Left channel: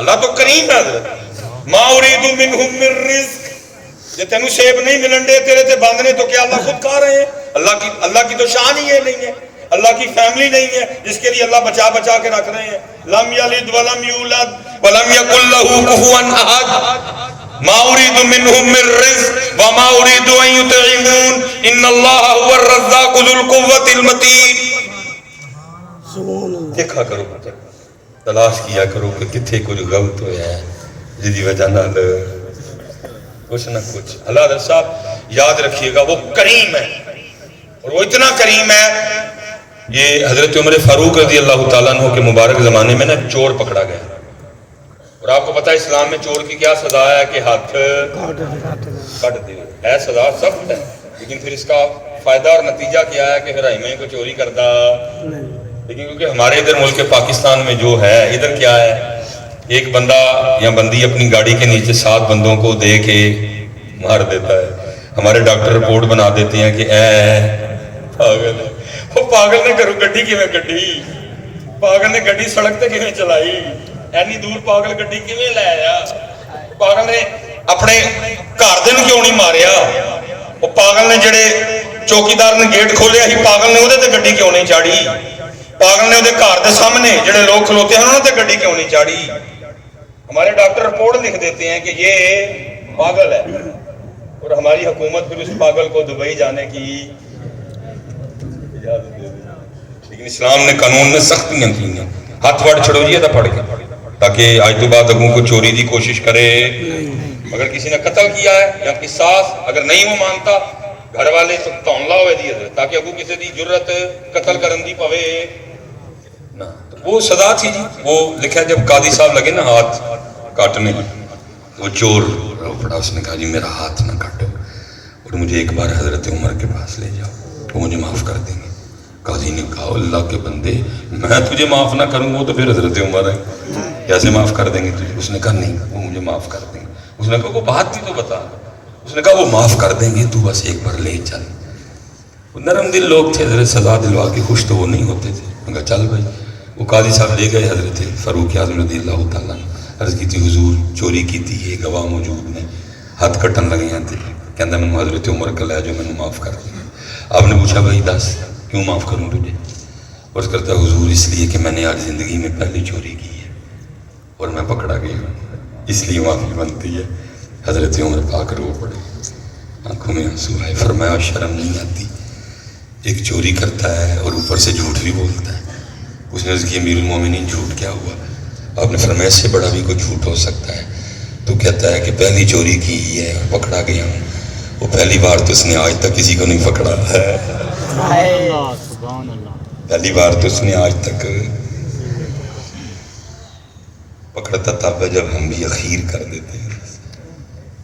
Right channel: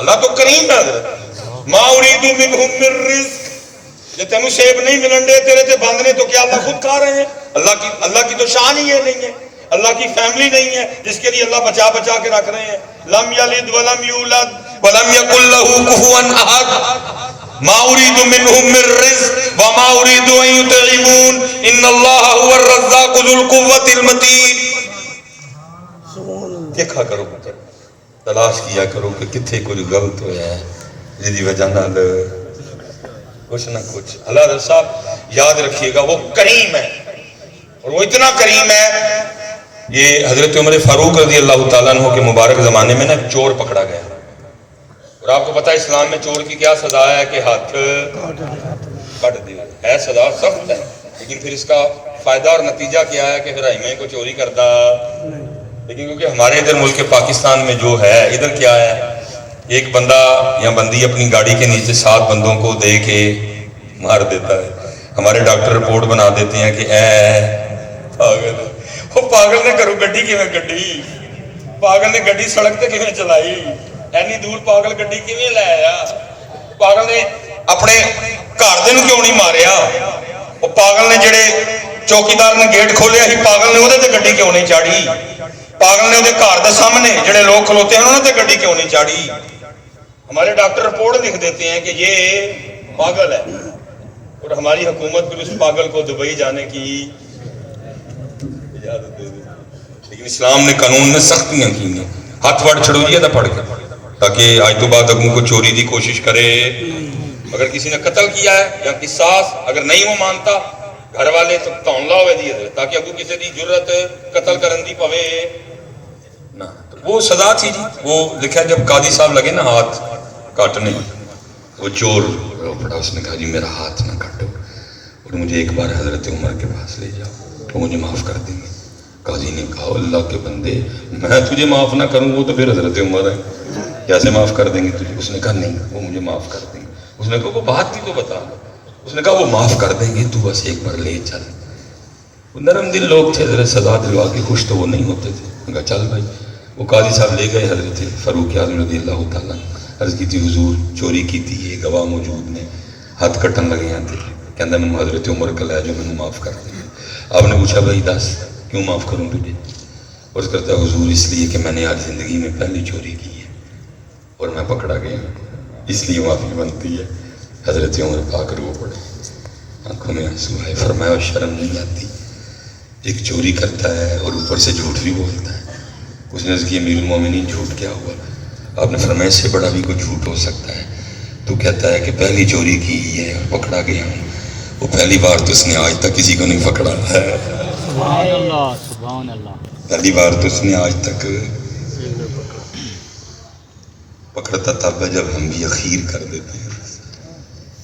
اللہ تو کریم ہے حضرت. ما اريد منهم من رزق. جب تینوں سیب نہیں ملن دے تیرے تے باندھنے تو کیا اللہ خود کھا رہے ہیں؟ اللہ کی تو شان ہی یہ نہیں ہے. اللہ کی فیملی نہیں ہے جس کے لیے اللہ بچا بچا کے رکھ رہے ہیں. لم یلد ولم یولد ولم یکن له کفوا احد. ما اريد منهم من رزق وما اريد ان يطعمون ان الله هو الرزاق ذو القوة المتين. دیکھا کرو تلاش کیا کرو کہ کتھے کچھ غلط ہویا ہے جدی وجہ نال کچھ نہ کچھ. اللہ حضرت صاحب یاد رکھیے گا وہ کریم ہے اور وہ اتنا کریم ہے. یہ حضرت عمر فاروق رضی اللہ تعالیٰ عنہ کے مبارک زمانے میں نا چور پکڑا گیا اور آپ کو پتا ہے اسلام میں چور کی کیا سزا ہے کہ ہاتھ کٹ دے. ہے سزا سخت ہے لیکن پھر اس کا فائدہ اور نتیجہ کیا ہے کہ پھر میں کو چوری کرتا. لیکن کیونکہ ہمارے ادھر ملک پاکستان میں جو ہے ادھر کیا ہے ایک بندہ یا بندی اپنی گاڑی کے نیچے 7 بندوں کو دے کے مار دیتا ہے. ہمارے ڈاکٹر رپورٹ بنا دیتے ہیں کہ پاگل ہے. وہ پاگل نے کرو گڈی کیویں گڈی پاگل نے گڈی سڑک تے کیویں چلائی اینی دور پاگل گڈی کیویں لے آیا. پاگل نے اپنے گھر دے نوں کیوں نہیں ماریا. وہ پاگل نے جڑے چوکیدار نے گیٹ کھولیا ہی پاگل نے اودے تے گڈی کیوں نہیں چاڑی. پاگل نے اودے گھر دے سامنے جڑے لوگ کھلوتے ہیں انہوں تے گڈی کیوں نہیں چاڑی. ہمارے ڈاکٹر رپورٹ لکھ دیتے ہیں کہ یہ پاگل ہے اور ہماری حکومت پھر اس پاگل کو دبئی جانے کی اجازت دے دی. لیکن اسلام نے قانون میں سختیاں کی ہیں. ہاتھ وڑ چھڑوریے تھا پڑھ کے تاکہ آج تو بعد اگوں کو چوری دی کوشش کرے. اگر کسی نے قتل کیا ہے یا قصاص اگر نہیں وہ مانتا گھر والے تون لا ہوئے دی تاکہ اگوں کسی دی جرت قتل کرن دی پوے نہ. وہ سزا تھی جی. وہ لکھا جب قاضی صاحب لگے نا ہاتھ کاٹنے وہ چور پڑا اس نے کہا جی میرا ہاتھ نہ کاٹو اور مجھے ایک بار حضرت عمر کے پاس لے جاؤ وہ مجھے معاف کر دیں گے. قاضی نے کہا اللہ کے بندے میں تجھے معاف نہ کروں وہ تو پھر حضرت عمر ہے کیسے معاف کر دیں گے تجھے. اس نے کہا نہیں وہ مجھے معاف کر دیں گے. اس نے کہا وہ بات تھی تو بتا. اس نے کہا وہ معاف کر دیں گے تو بس ایک بار لے چل. نرم دل لوگ تھے حضرت سزا دلوا کے خوش تو وہ نہیں ہوتے تھے. ان کا چل بھائی. وہ قاضی صاحب لے گئے حضرت فاروق اعظم رضی اللہ تعالیٰ عرض کی تھی حضور چوری کی تھی یہ گواہ موجود نے ہاتھ کٹن لگے ہیں تھے کہندہ میں حضرت عمر کا لے جو میں نے معاف کر دیا. آپ نے پوچھا بھائی دس کیوں معاف کروں تجھے. عرض کرتا حضور اس لیے کہ میں نے آج زندگی میں پہلی چوری کی ہے اور میں پکڑا گیا اس لیے معافی بنتی ہے. حضرت عمر پاک رو پڑے آنکھوں میں آنسو آئے. فرمایا شرم نہیں آتی ایک چوری کرتا ہے اور اوپر سے جھوٹ بھی بولتا ہے. اس نے عرض کی امیر المومنین جھوٹ کیا ہوا. آپ نے فرمایا اس سے بڑا بھی کوئی جھوٹ ہو سکتا ہے. تو کہتا ہے کہ پہلی چوری کی ہے اور پکڑا گیا ہوں. وہ پہلی بار تو اس نے آج تک کسی کو نہیں پکڑا ہے. پہلی بار تو اس نے آج تک پکڑتا تب ہے جب ہم بھی اخیر کر دیتے ہیں.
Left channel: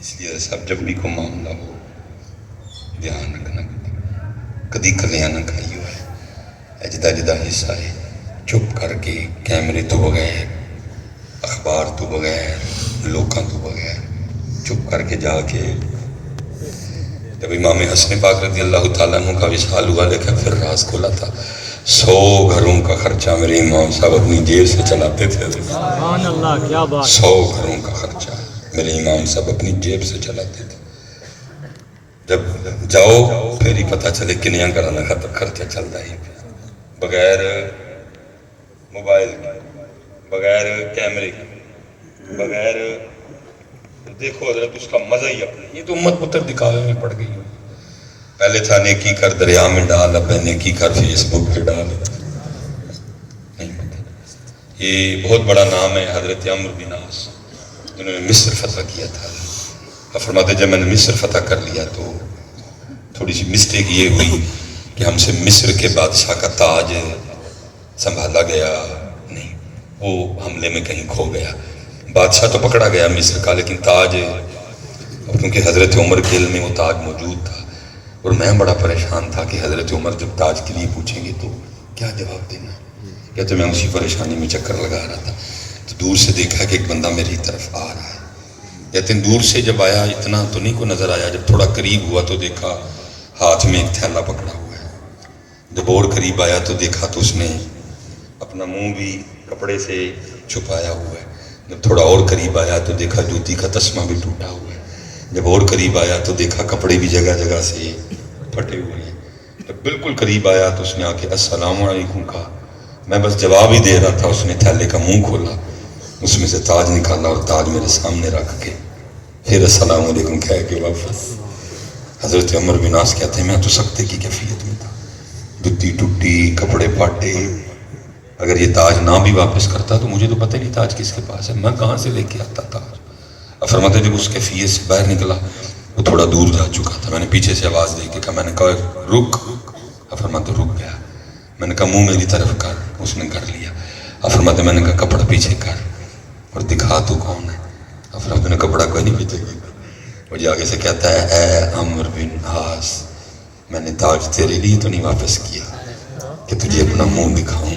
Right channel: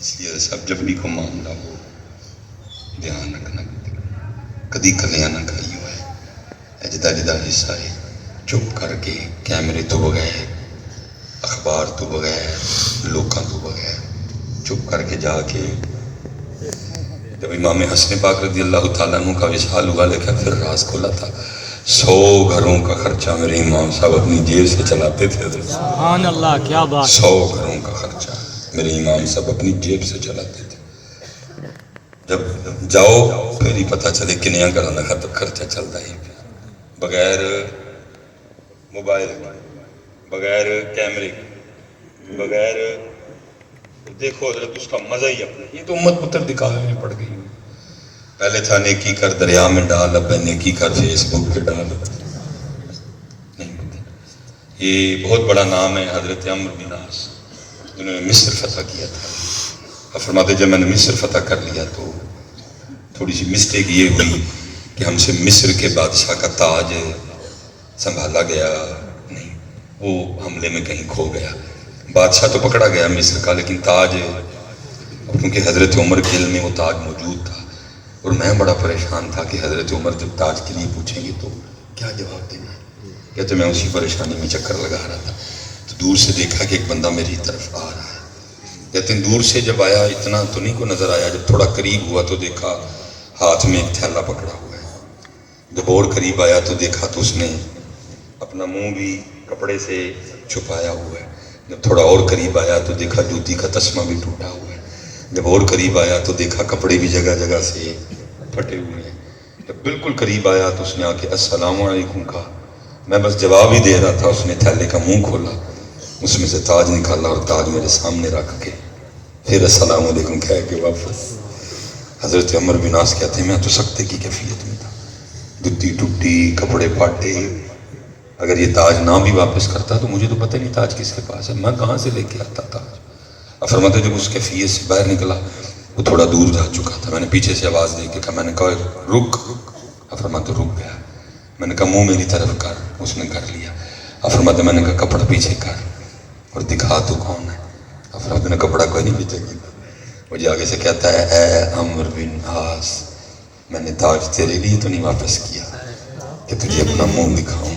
اس لیے سب جب بھی کوئی معاملہ ہو دھیان رکھنا کدی کلیاں نہ کھائی ہوا ہے. جدا جدا حصہ ہے چپ کر کے کیمرے تو بغیر اخبار تو بغیر لوکاں تو بغیر چپ کر کے جا کے جب امام حسن پاک رضی اللہ تعالیٰ عنہ کا وصال ہوا لکھا پھر راز کھولا تھا 100 گھروں کا خرچہ میرے امام صاحب اپنی جیب سے چلاتے تھے. سبحان اللہ کیا بات. 100 گھروں کا خرچہ میرے امام صاحب اپنی جیب سے چلاتے تھے. جب جاؤ پھر ہی پتہ چلے کنیاں کرانا خطب خرچہ چلتا ہی بغیر موبائل بغیر کیمرے بغیر دیکھو حضرت اس کا مزہ ہی اپنے. یہ تو امت پتر دکھاوے میں پڑ گئی. پہلے تھا نیکی کر دریا میں ڈال اب نیکی کر فیس بک پہ ڈال. نہیں پتہ. یہ بہت بڑا نام ہے حضرت عمرو بن عاص جنہوں نے مصر فتح کیا تھا. فرماتے جب میں نے مصر فتح کر لیا تو تھوڑی سی مسٹیک یہ ہوئی کہ ہم سے مصر کے بادشاہ کا تاج سنبھالا گیا نہیں. وہ حملے میں کہیں کھو گیا. بادشاہ تو پکڑا گیا مصر کا لیکن تاج کیونکہ حضرت عمر کے علم میں وہ تاج موجود تھا. اور میں بڑا پریشان تھا کہ حضرت عمر جب تاج کے لیے پوچھیں گے تو کیا جواب دینا. کہتے میں اسی پریشانی میں چکر لگا رہا تھا تو دور سے دیکھا کہ ایک بندہ میری طرف آ رہا ہے. کہتے ہیں دور سے جب آیا اتنا تو نہیں کو نظر آیا. جب تھوڑا قریب ہوا تو دیکھا ہاتھ میں ایک تھیلا پکڑا ہوا ہے. جب اور قریب آیا تو دیکھا تو اس نے اپنا منہ بھی کپڑے سے چھپایا ہوا ہے. جب تھوڑا اور قریب آیا تو دیکھا جوتی کا تسمہ بھی ٹوٹا ہوا ہے. جب اور قریب آیا تو دیکھا کپڑے بھی جگہ جگہ سے پھٹے ہوئے ہیں. جب بالکل قریب آیا تو اس نے آ کے السلام علیکم کہا. میں بس جواب ہی دے رہا تھا، اس نے تھیلے کا منہ کھولا، اس میں سے تاج نکالا اور تاج میرے سامنے رکھ کے پھر السلام علیکم کہہ کے واپس. حضرت عمر بن عاص کہتے ہیں میں تو سکتے کی کیفیت میں تھا، جتی ٹوٹی، کپڑے پھاٹے. اگر یہ تاج نہ بھی واپس کرتا تو مجھے تو پتہ نہیں تاج کس کے پاس ہے، میں کہاں سے لے کے آتا تاج. اب فرماتے جب اس کیفیت سے باہر نکلا وہ تھوڑا دور جا چکا تھا. میں نے پیچھے سے آواز دے کے کہا، میں نے کہا رک. اب فرماتے رک گیا. میں نے کہا منہ میری طرف کر، اس نے کر لیا. اب فرماتے میں نے کہا کپڑا پیچھے کر اور دکھا تو کون ہے. اب فرماتے نے کپڑا کوئی نہیں پیچھے کیا. مجھے آگے سے کہتا ہے اے عمرو بن عاص، میں نے تاج تیرے لیے تو نہیں واپس کیا کہ تجھے اپنا منہ دکھاؤں،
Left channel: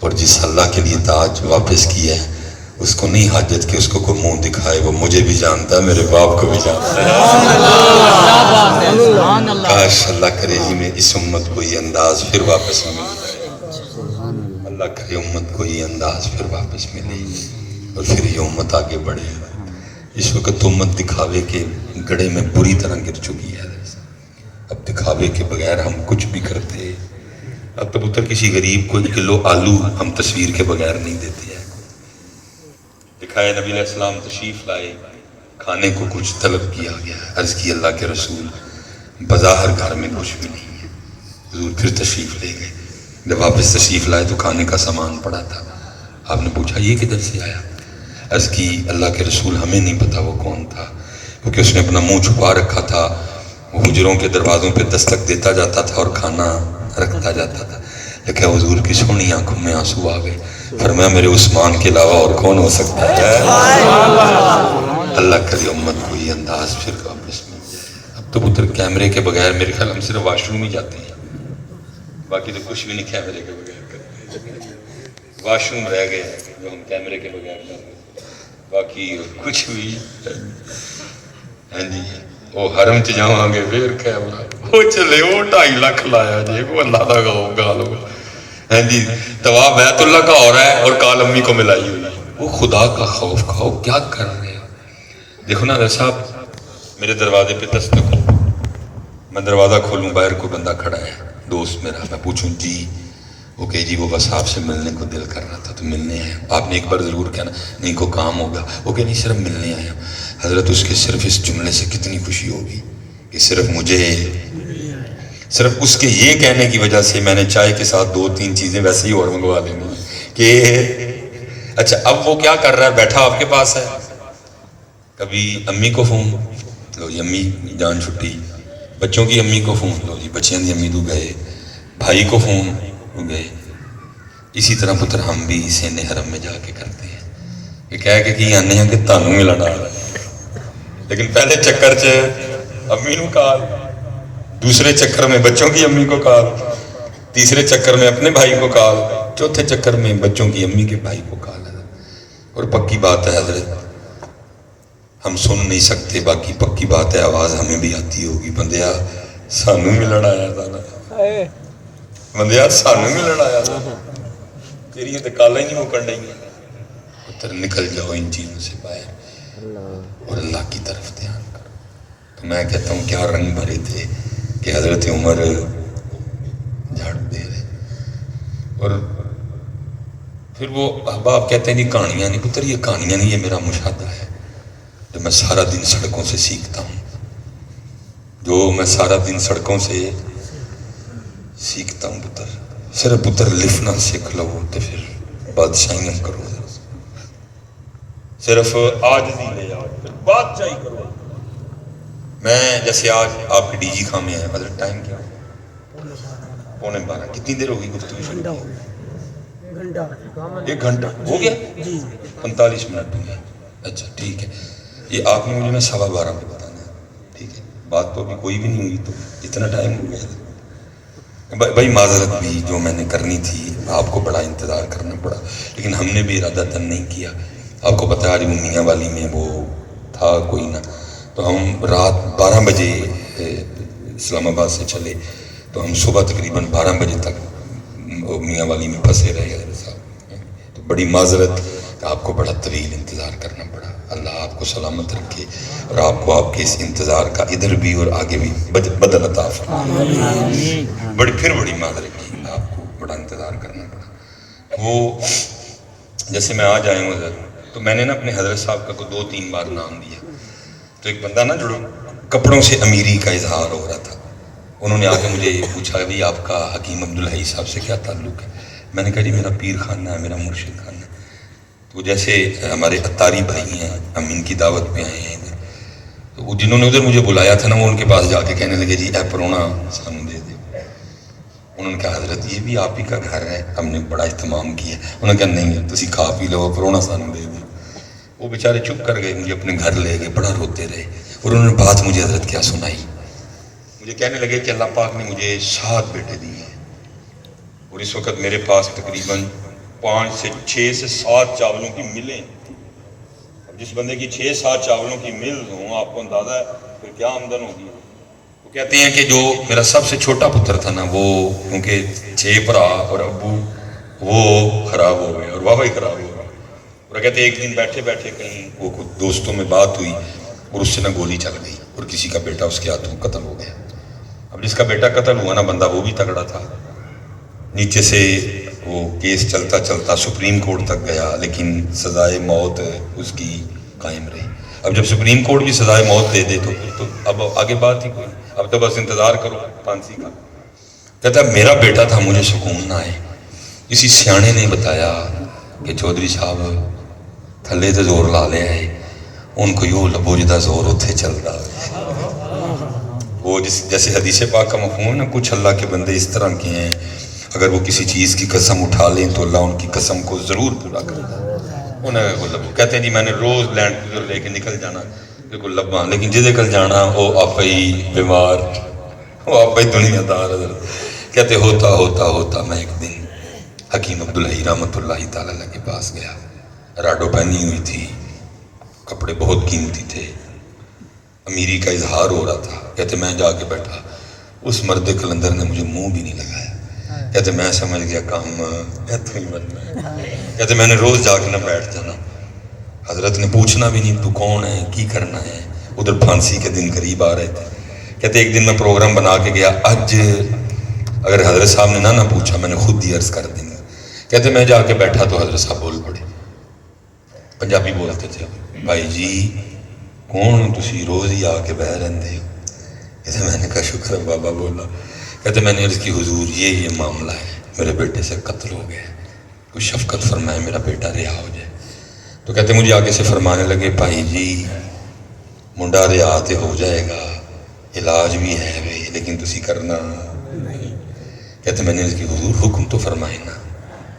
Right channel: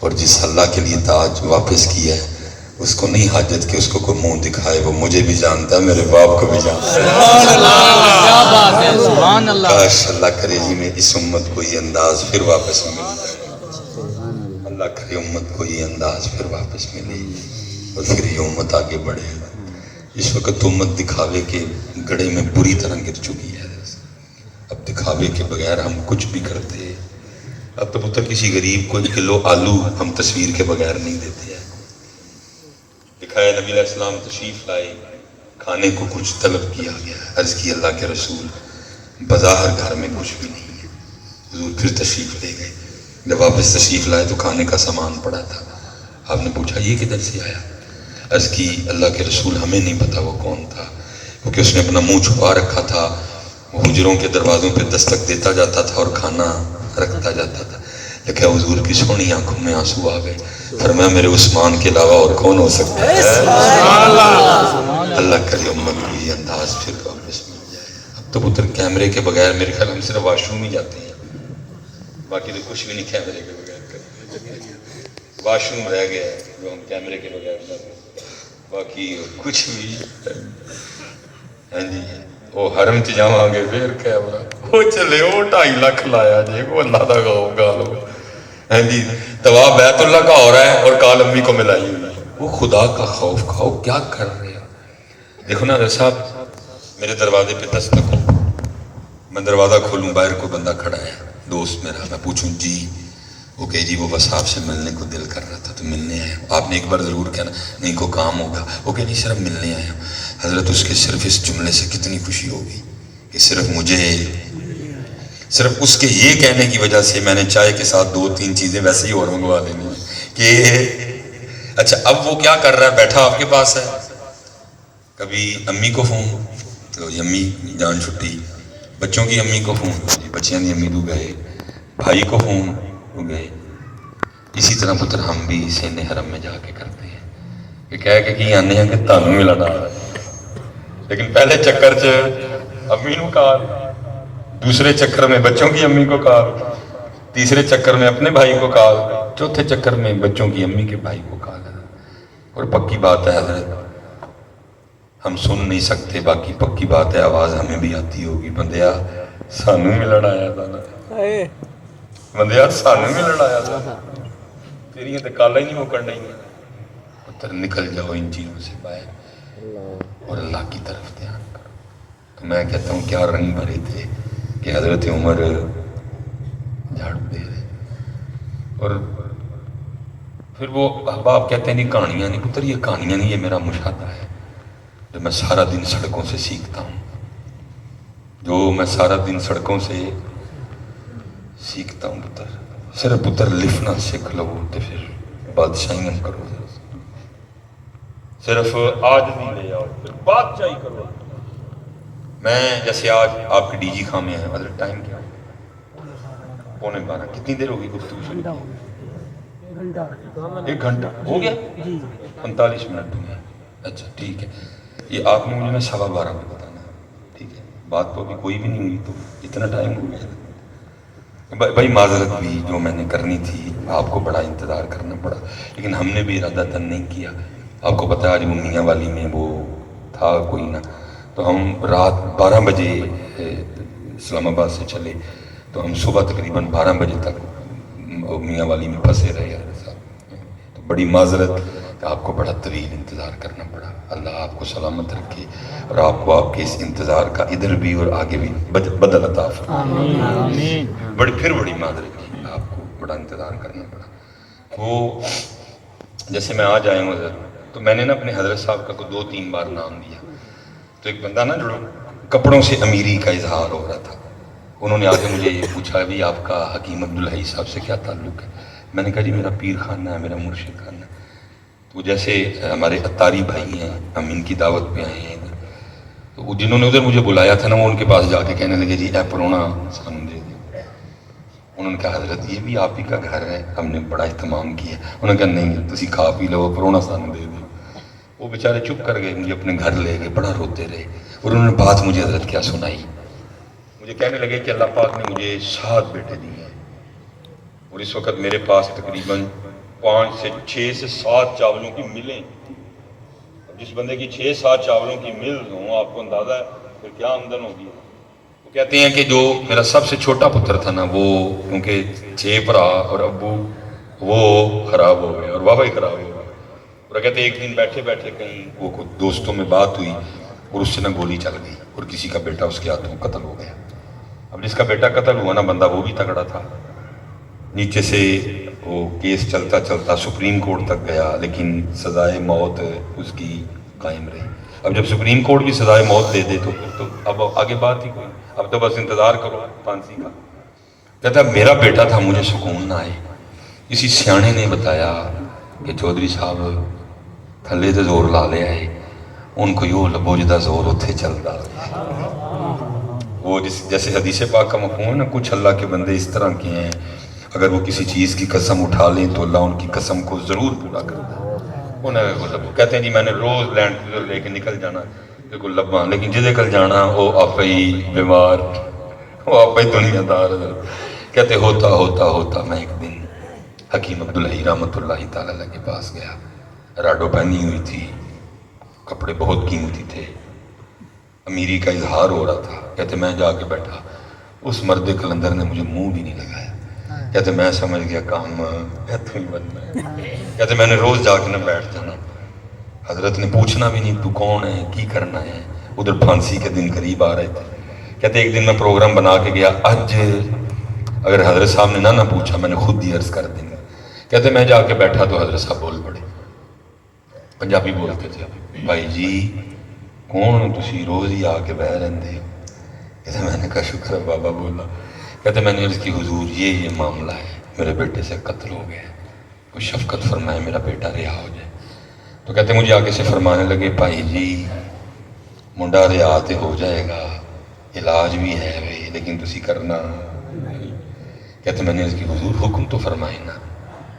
اور جس اللہ کے لیے تاج واپس کیا ہے اس کو نہیں حاجت کہ اس کو کوئی منہ دکھائے، وہ مجھے بھی جانتا ہے، میرے باپ کو بھی جانتا ہے. کاش اللہ کرے ہی میں اس امت کو یہ انداز پھر واپس مل جائے. اللہ کرے امت کو یہ انداز پھر واپس ملے اور پھر یہ امت آگے بڑھے. اس وقت امت دکھاوے کے گڑھے میں بری طرح گر چکی ہے. اب دکھاوے کے بغیر ہم کچھ بھی کرتے. اب تو پتر کسی غریب کو 1 کلو آلو ہم تصویر کے بغیر نہیں دیتے ہیں. دکھائے نبی علیہ السلام تشریف لائے، کھانے کو کچھ طلب کیا گیا. عرض کی اللہ کے رسول بظاہر گھر میں کچھ بھی نہیں ہے. حضور پھر تشریف لے گئے. جب واپس تشریف لائے تو کھانے کا سامان پڑا تھا. آپ نے پوچھا یہ کدھر سے آیا؟ عرض کی اللہ کے رسول ہمیں نہیں پتا وہ کون تھا، کیونکہ اس نے اپنا منہ چھپا رکھا تھا. وہ حجروں کے دروازوں پہ دستک دیتا جاتا تھا اور کھانا رکھتا جاتا تھا. لیکن حضور کی سونی آنکھوں میں آنسو آ گئے. فرمایا میرے عثمان کے علاوہ اور کون ہو سکتا ہے؟ اللہ کرے امت کو یہ انداز پھر واپس مل جائے. اب تو پتر کیمرے کے بغیر میرے خیال ہم صرف واش روم ہی جاتے ہیں، باقی تو کچھ بھی نہیں کیمرے کے بغیر کرتے. واش روم رہ گیا جو ہم کیمرے کے بغیر کر رہے ہیں، باقی کچھ بھی. ہاں جی وہ حرم چ جاواں گے پھر کیمرہ وہ چلے وہ 2.5 لاکھ لایا جی وہ اللہ کا گال ہوگا. ہاں جی طواف بیت اللہ کا ہو رہا ہے اور کال امی کو ملائی ہوئی ہے. وہ خدا کا خوف کھاؤ، کیا کر رہے ہیں؟ دیکھو نا صاحب میرے دروازے پہ دستک ہو، میں دروازہ کھولوں باہر کوئی بندہ کھڑا ہے دوست میرا، میں پوچھوں جی وہ کہ جی وہ بس آپ سے ملنے کو دل کر رہا تھا تو ملنے آئے. آپ نے ایک بار ضرور کہنا نہیں کوئی کام ہوگا، وہ کہ نہیں صرف ملنے آیا. حضرت اس کے صرف اس جملے سے کتنی خوشی ہوگی کہ صرف مجھے، صرف اس کے یہ کہنے کی وجہ سے میں نے چائے کے ساتھ 2-3 چیزیں ویسے ہی اور منگوا لینی کہ اچھا اب وہ کیا کر رہا ہے، بیٹھا آپ کے پاس ہے. کبھی امی کو فون لو جی امی جان چھٹی، بچوں کی امی کو فون لو جی بچیاں دی امی تو گئے، بھائی کو فون ہو گئے. اسی طرح پتر ہم بھی سینے حرم میں جا کے کرتے ہیں کہ کہہ کے کہ آنے ہیں کہ تانوں ملنا ہے، لیکن پہلے چکر چ امی نو کال، دوسرے چکر میں بچوں کی امی کو کال، تیسرے چکر میں اپنے بھائی کو کال، چوتھے چکر میں بچوں کی امی کے بھائی کو کال. اور پکی بات ہے حضرت ہم سن نہیں سکتے، باقی پکی بات ہے آواز ہمیں بھی آتی ہوگی. بندیا سانوں ملن آیا تھا نا، بندیا سانوں ملن آیا تھا، تیری تو کالا ہی نہیں مکن رہی. پتر نکل جاؤ ان چیزوں سے باہر اور اللہ کی طرف دھیان کرو. تو میں کہتا ہوں کیا رنگ بھرے تھے کہ حضرت عمر جھاڑو دے رہے. اور پھر وہ احباب کہتے ہیں نہیں کہانیاں نہیں. پتر یہ کہانیاں نہیں، یہ میرا مشاہدہ ہے جو میں سارا دن سڑکوں سے سیکھتا ہوں، جو میں سارا دن سڑکوں سے سیکھتا ہوں. پتر صرف پتر لکھنا سیکھ لو تو پھر بادشاہیاں کرو، صرف آج نہیں لے آؤ پھر بادشاہی کرو. میں جیسے آج آپ کے ڈی جی خانے ہیں، حضرت ٹائم کیا ہے؟ 11:15. کتنی دیر ہوگی گفتگو شروع کی؟ 1 گھنٹہ ہو گیا، 45 منٹ بھی ہے. اچھا ٹھیک ہے، یہ آپ نے مجھے نا 12:15 پہ بتانا ہے. ٹھیک ہے بات تو ابھی کوئی بھی نہیں ہوئی تو اتنا ٹائم ہو گیا تھا. بھائی معذرت بھی جو میں نے کرنی تھی آپ کو بڑا انتظار کرنا پڑا، لیکن ہم نے بھی ارادہ تن نہیں کیا. آپ کو پتہ ہے آج منیا والی میں وہ تھا کوئی نہ، تو ہم رات 12 بجے اسلام آباد سے چلے تو ہم صبح تقریباً 12 بجے تک میاں والی میں پھنسے رہے حضرت صاحب. تو بڑی معذرت کہ آپ کو بڑا طویل انتظار کرنا پڑا. اللہ آپ کو سلامت رکھے اور آپ کو آپ کے اس انتظار کا ادھر بھی اور آگے بھی بدل عطا فرمائے. بڑی معذرت کی، آپ کو بڑا انتظار کرنا پڑا. وہ جیسے میں آج آیا ہوں حضرت، تو میں نے نا اپنے حضرت صاحب کا کو 2-3 بار نام دیا. تو ایک بندہ نا جو کپڑوں سے امیری کا اظہار ہو رہا تھا، انہوں نے آ کے مجھے پوچھا بھی آپ کا حکیم عبدالحی صاحب سے کیا تعلق ہے. میں نے کہا جی میرا پیر خانہ ہے، میرا مرشد خانہ ہے. تو جیسے ہمارے اتاری بھائی ہیں، ہم ان کی دعوت پہ آئے ہیں ادھر، تو جنہوں نے ادھر مجھے بلایا تھا نا، وہ ان کے پاس جا کے کہنے لگے جی اے پرونا سانو دے دے. انہوں نے کہا حضرت یہ بھی آپ ہی کا گھر ہے، ہم نے بڑا اہتمام کیا. انہوں نے کہا نہیں تسی کھا پی لو، پرونا سانو دے دو. وہ بیچارے چپ کر گئے، مجھے اپنے گھر لے گئے، بڑا روتے رہے. اور انہوں نے بات مجھے حضرت کیا سنائی، مجھے کہنے لگے کہ اللہ پاک نے مجھے 7 بیٹے دیے ہیں، اور اس وقت میرے پاس تقریباً 5 سے 6 سے 7 چاولوں کی ملیں. جس بندے کی 6-7 چاولوں کی مل ہوں، آپ کو اندازہ ہے پھر کیا آمدن ہوگی. وہ کہتے ہیں کہ جو میرا سب سے چھوٹا پتر تھا نا، وہ کیونکہ 6 بھرا اور ابو وہ خراب ہو گئے اور بابا ہی خراب ہو گئے. اور کہتے ہیں ایک دن بیٹھے بیٹھے کہیں وہ دوستوں میں بات ہوئی اور اس سے نہ گولی چل گئی اور کسی کا بیٹا اس کے ہاتھوں قتل ہو گیا. اب جس کا بیٹا قتل ہوا نا بندہ وہ بھی تگڑا تھا. نیچے سے وہ کیس چلتا چلتا سپریم کورٹ تک گیا، لیکن سزائے موت اس کی قائم رہی. اب جب سپریم کورٹ بھی سزائے موت دے دے تو اب آگے بات ہی کوئی، اب تو بس انتظار کرو پھانسی کا. کہتا میرا بیٹا تھا مجھے سکون نہ آئے. کسی سیانے نے بتایا کہ چودھری صاحب تھلے تے زور لا لیا ہے، ان کو یوں لبو جدا زور اتھے چل رہا ہے. وہ جیسے حدیث پاک کا مفہوم ہے نا، کچھ اللہ کے بندے اس طرح کے ہیں اگر وہ کسی چیز کی قسم اٹھا لیں تو اللہ ان کی قسم کو ضرور پورا کرتا ہے. انہیں کہتے ہیں جی میں نے روز لینڈ کروزر لے کے نکل جانا بالکل لباں، لیکن جدے کل جانا وہ آپ ہی بیمار، وہ آپ ہی دنیا دار. کہتے ہوتا ہوتا ہوتا میں ایک دن حکیم عبدالحی رحمۃ اللہ تعالیٰ کے پاس گیا. راڈو پہنی ہوئی تھی، کپڑے بہت قیمتی تھے، امیری کا اظہار ہو رہا تھا. کہتے میں جا کے بیٹھا، اس مرد کلندر نے مجھے منہ بھی نہیں لگایا. کہتے میں سمجھ گیا کام ایتھوں ہی بننا ہے. کہتے میں نے روز جا کے نہ بیٹھ جانا، حضرت نے پوچھنا بھی نہیں تو کون ہے کی کرنا ہے. ادھر پھانسی کے دن قریب آ رہے تھے. کہتے ایک دن میں پروگرام بنا کے گیا، آج اگر حضرت صاحب نے نہ پوچھا میں نے خود ہی عرض کر دیں گا. کہتے میں جا کے بیٹھا تو حضرت صاحب بول پڑے، پنجابی بولتے تھے، بھائی جی کون ہو تسی روز ہی آ کے بہ رہے ہو. کہتے میں نے کہا شکر ہے بابا بولا. کہتے میں نے عرض کی حضور یہ معاملہ ہے، میرے بیٹے سے قتل ہو گیا، کوئی شفقت فرمائے میرا بیٹا رہا ہو جائے. تو کہتے مجھے آگے سے فرمانے لگے بھائی جی منڈا رہا تے ہو جائے گا، علاج بھی ہے بھائی لیکن تسی کرنا نہیں. کہتے میں نے عرض کی حضور حکم تو فرمائے نا،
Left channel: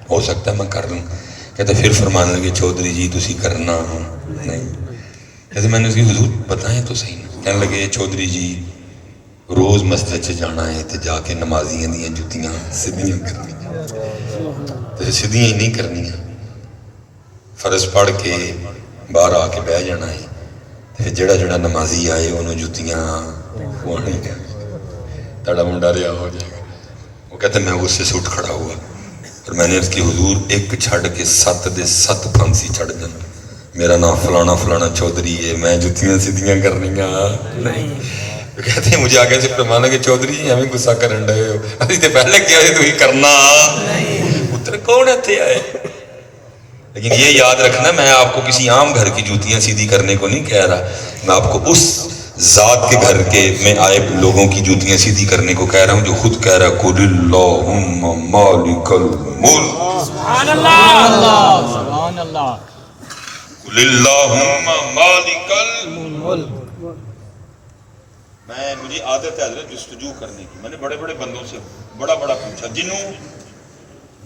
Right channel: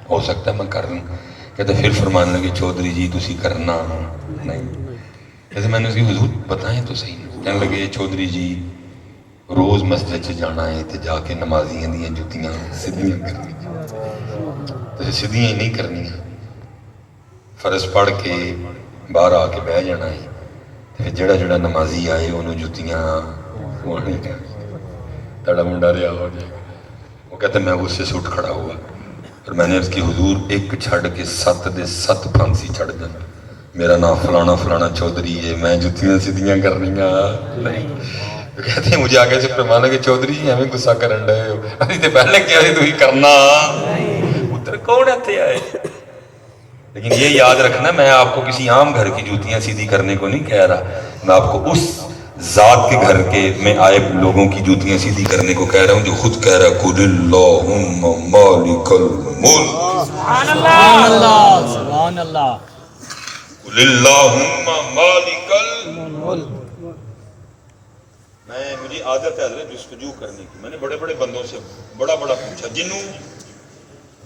ہو سکتا ہے میں کر لوں. کہتے پھر فرمانے لگے چودھری جی تسی کرنا نہیں. کہتے میں نے اس کی حضور بتائیں تو صحیح نا. کہنے لگے چودھری جی روز مسجد سے جانا ہے تو جا کے نمازیاں دیاں جتیاں سدھیاں کرنی، تو سدھیاں ہی نہیں کرنی، فرض پڑھ کے باہر آ کے بہ جانا ہے. پھر جڑا جڑا نمازی آئے انہوں جتیاں تڑا منڈا رہا ہو جائے گا. وہ کہتے میں اس سے سٹ کھڑا ہوا اور میں نے اس کی حضور ایک چھڑ کے 7 دے 7 پھانسی چڑھ جانا. میرا نام فلانا فلانا چودھری ہے، میں جتیاں سدھیاں کرنی نہیں. تو کہتے ہیں مجھے آگے سے فرمانا کہ چودھری جی ہمیں غصہ کرن رہے ہو، ابھی تو پہلے کیا ہے تھی کرنا اتر کون اتنے آئے. لیکن یہ یاد رکھنا میں آپ کو کسی عام گھر کی جوتیاں سیدھی کرنے کو نہیں کہہ رہا، میں آپ کو اس ذات کے گھر کے میں آئے لوگوں کی جوتیاں سیدھی کرنے کو کہہ رہا ہوں جو خود کہہ رہا ہے قُلِ اللَّهُمَّ مَالِكَ الْمُلْكِ سبحان اللہ سبحان اللہ قُلِ اللَّهُمَّ مَالِكَ الْمُلْكِ. مجھے عادت ہے حضرت جستجو کرنے کی. میں نے بڑے بڑے بندوں سے بڑا پوچھا جنہوں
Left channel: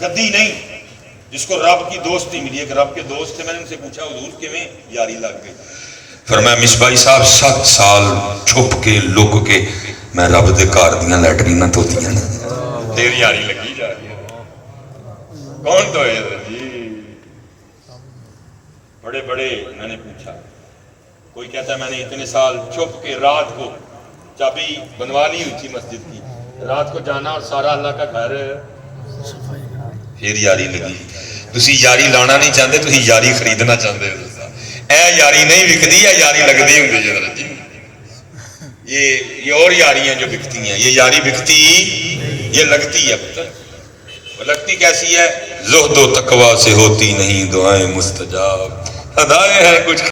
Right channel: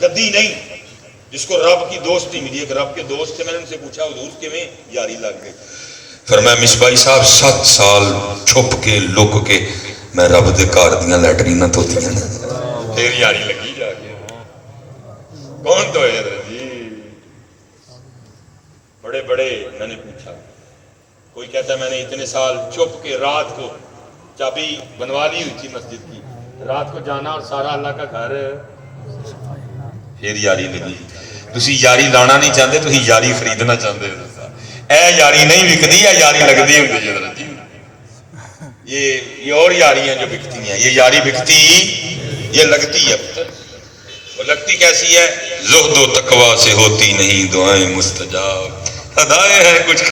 گدی نہیں، جس کو رب کی دوستی ملی، ایک رب کے دوست تھے، میں نے ان سے پوچھا حضور کیویں یاری لگ گئی. فرمایا مصباحی صاحب 7 سال چھپ کے لک کے میں رب دے گھر دیاں لیٹریناں دھوتیاں نا، پھر یاری لگی جا کے. کون تو ہے حضرت جی؟ بڑے میں نے پوچھا. کوئی کہتا ہے میں نے اتنے سال چھپ کے رات کو چابی بنوا لی ہوئی تھی مسجد کی، رات کو جانا اور سارا اللہ کا گھر. پھر یاری لگی. تسی یاری لانا نہیں چاہتے، تسی یاری خریدنا چاہتے ہو۔ اے یاری نہیں بکتی، اے یاری لگتی ہوتی ہے۔ یہ اور یاری ہیں جو بکتی ہیں، یہ یاری بکتی یہ لگتی ہے۔ وہ لگتی کیسی ہے؟ زہد و تقویٰ سے ہوتی نہیں دعائیں مستجاب، ادائیں ہیں کچھ